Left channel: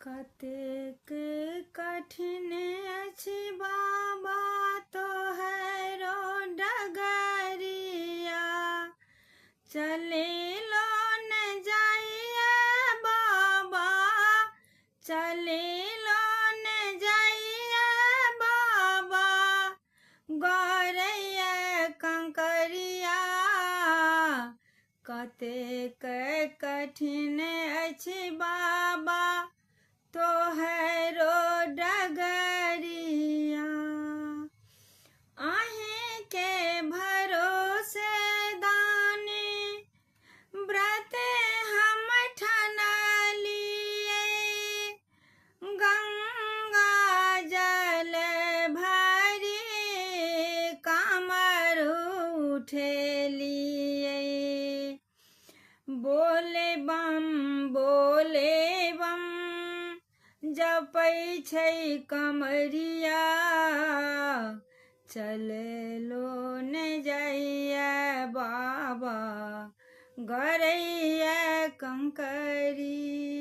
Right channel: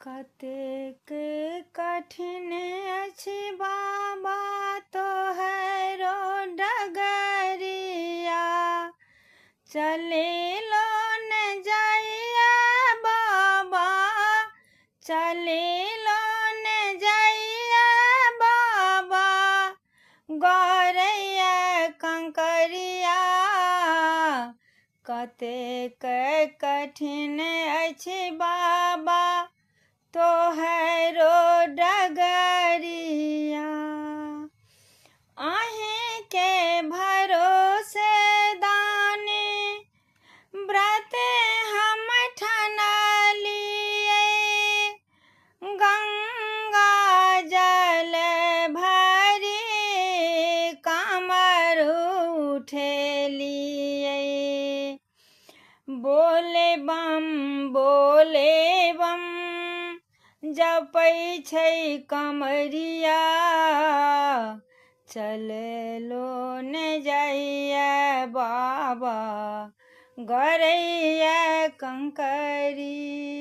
कतेक कठिन अछि बाबा तोहरो डगरिया, चलेलो न जाइया बाबा, चलेलो न जाइया बाबा, गौरैया कंकरिया। कतेक कठिन अछि बाबा तोहरो डगरिया, अहीं के भरोसे दानी व्रत हम ठनलिए, गंगा जल भरी कामर उठेलिए। बोले बम जपै छै कमरिया, चलेलो न जाइया बाबा, गौरैया कंकरिया।